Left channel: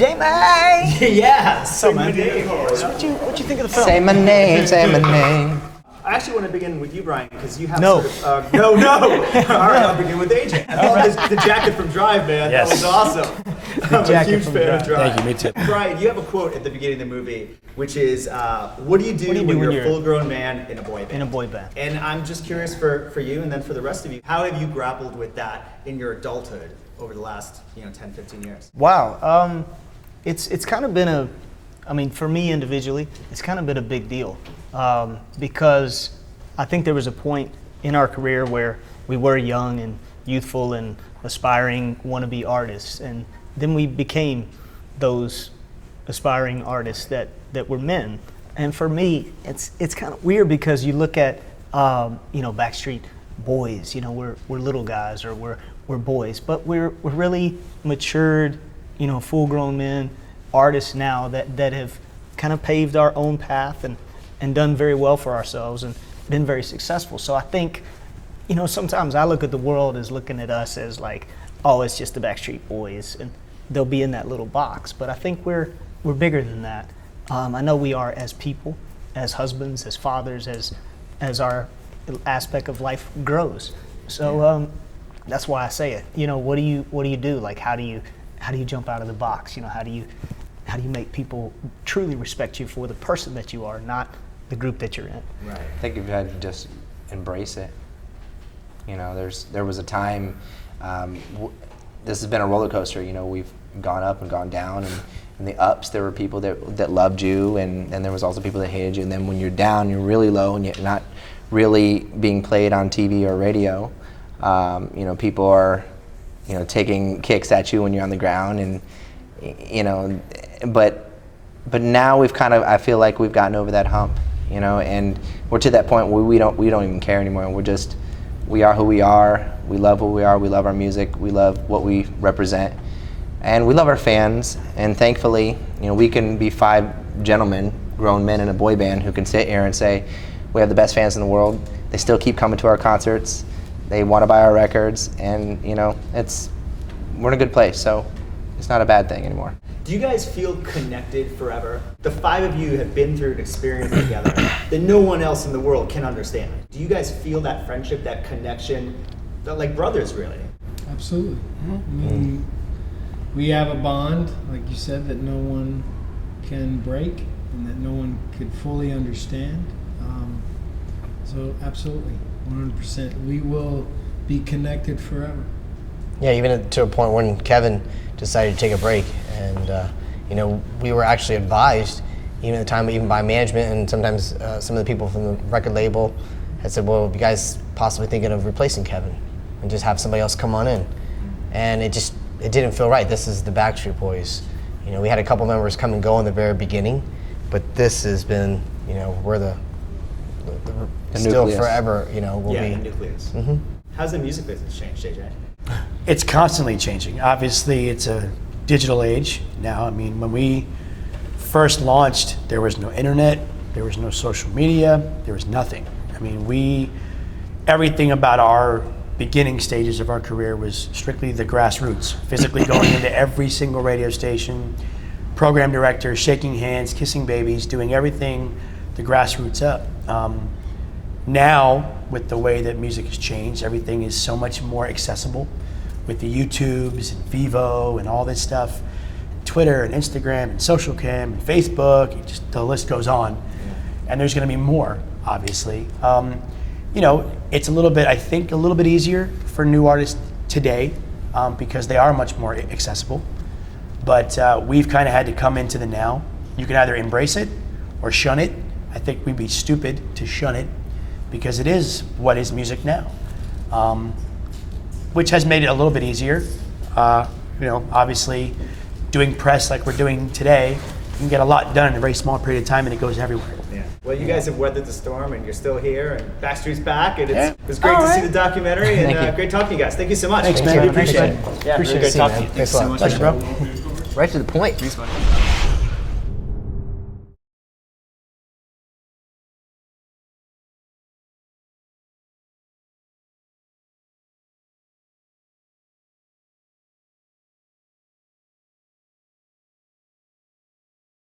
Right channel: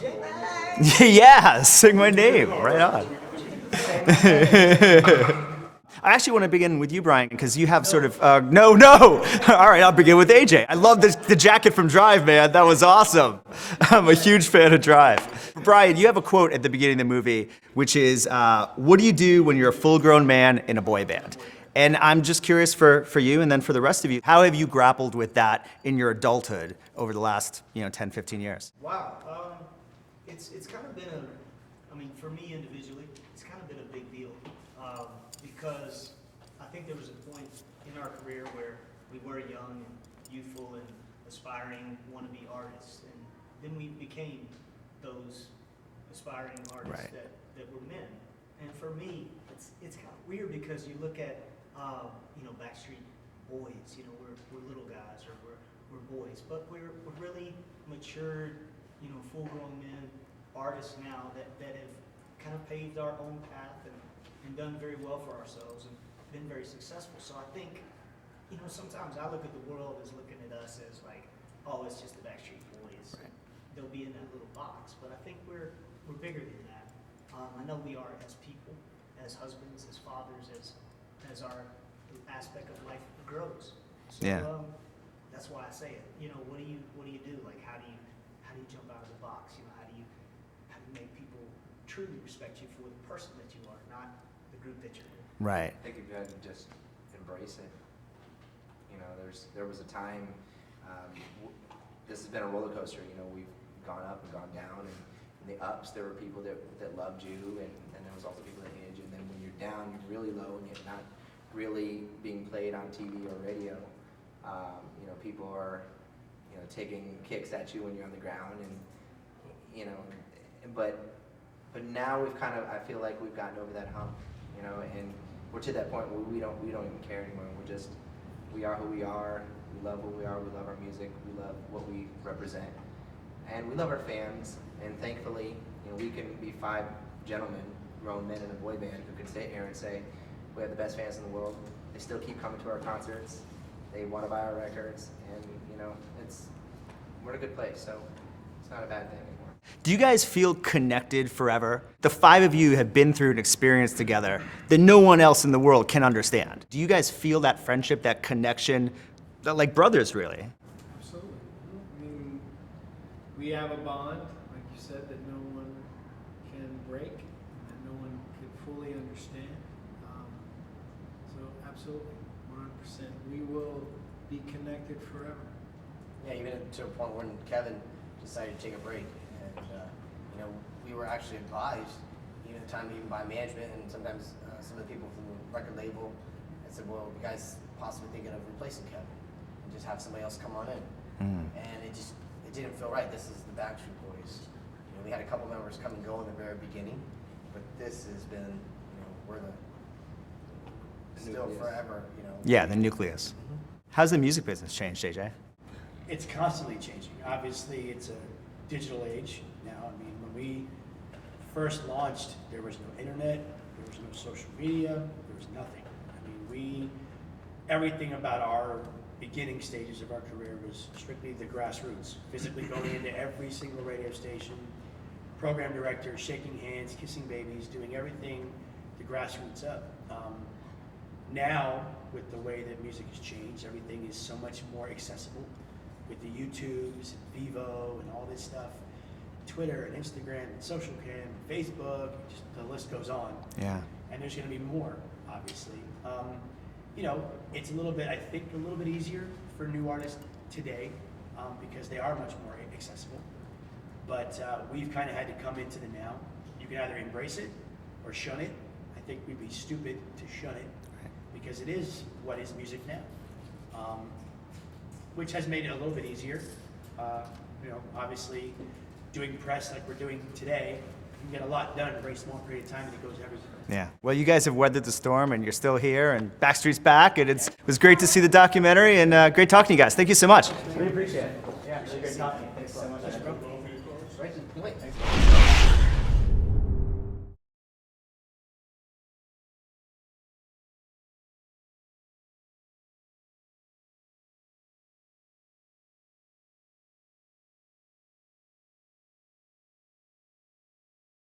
Jami! Yeah, sing my name. What you think of the film? Say my name, say my name. I actually want to begin with you, Brian, because you have sort of no. All right, I'll begin with AJ. I love the jacket from Drive, man. That was awesome. I'm a huge fan of Drive. Thank you, me too. Brian, you have a quote at the beginning of the movie, which is, "What do you do when you're a full-grown man in a boy band?" In a boy band. And I'm just curious for you, and then for the rest of you, how have you grappled with that in your adulthood over the last 10, 15 years? Wow, it's kind of been for me individually, it's kind of been a big deal. Because I think there was a point in our career where we were young and youthful and aspiring wannabe artists, and then we became those aspiring artists that were men. And for me, it's kind of weird because you look at Backstreet Boys. We're little guys or we're boys, but we're really matured, full-grown men, artists now that have kind of paved our own path and done very well for ourselves and been very successful. So I think, sometimes I look at the world as looking at us as like, oh, it's just the Backstreet Boys, and they'll be in that little box. But I think we're bigger than that. I know we are as people, as husbands, as fathers, as our aspect of life grows. So that's why I say it. What do you do? Like, how do you jump out of the box? How do you make people truly respect you for the person that you are, not the group that you're in? Right. I think you've had to just embrace it. There was a time, this has been a roller coaster. We've gone up and gone down, and in the ups there were people that loved you, and there was also people that hated you. And then when you're down, you're really low, and you're not really being played on TV or radio. People are, taking kicks at you when you're on the ground, and but now I feel like we've gotten over that hump, and we're to that point where we don't even care anymore. We are who we are. We love who we are. We love our music. We love what we represent, and we love our fans. And thankfully, we can be 5 gentlemen, grown men in a boy band who can sit here and say, we have the best fans in the world. They still keep coming to our concerts. They want to buy our records, and we're in a good place. So it's not a bad thing anymore. Do you guys feel connected forever? The 5 of you have been through an experience together that no one else in the world can understand. Do you guys feel that friendship, that connection, like brothers, really? Absolutely. I mean, we have a bond, like you said, that no one can break and that no one could fully understand. So absolutely, 100%. We will be connected forever. Yeah, even to a point when Kevin decided to take a break, and we were actually advised, even at the time, even by management and sometimes some of the people from the record label had said, well, you guys possibly thinking of replacing Kevin and just have somebody else come on in. And it didn't feel right. This is the Backstreet Boys. We had a couple members come and go in the very beginning, but this has been, we're the still nucleus. Forever, will be. The nucleus. Mm-hmm. How's the music business changed, JJ? It's constantly changing. Obviously, it's a digital age now. I mean, when we first launched, there was no internet, there was no social media, there was nothing. I mean, everything about our beginning stages of our career was strictly the grassroots, physically going into every single radio station, program director, shaking hands, kissing babies, doing everything the grassroots up. Now, with the way that music has changed, everything is so much more accessible with the YouTubes and Vivo and all this stuff, Twitter and Instagram and Social Cam and Facebook, the list goes on. Yeah. And there's going to be more, obviously. It's a little bit easier for new artists today because they are much more accessible. But we've kind of had to come into the now. You can either embrace it or shun it. I think we'd be stupid to shun it because it is what is music now, which has made it a little bit easier. Obviously, doing press like we're doing today, you can get a lot done in a very small period of time, and it goes everywhere. Yeah. Well, you guys have weathered the storm, and you're still here, and Backstreet's back, and it was great to see the documentary, and great talking to you guys. Thank you so much. Thanks, man. Appreciate it. Yeah, Appreciate really it. great talking to you. Thanks so a lot. much, Pleasure, bro. Right to the point. Thanks, man.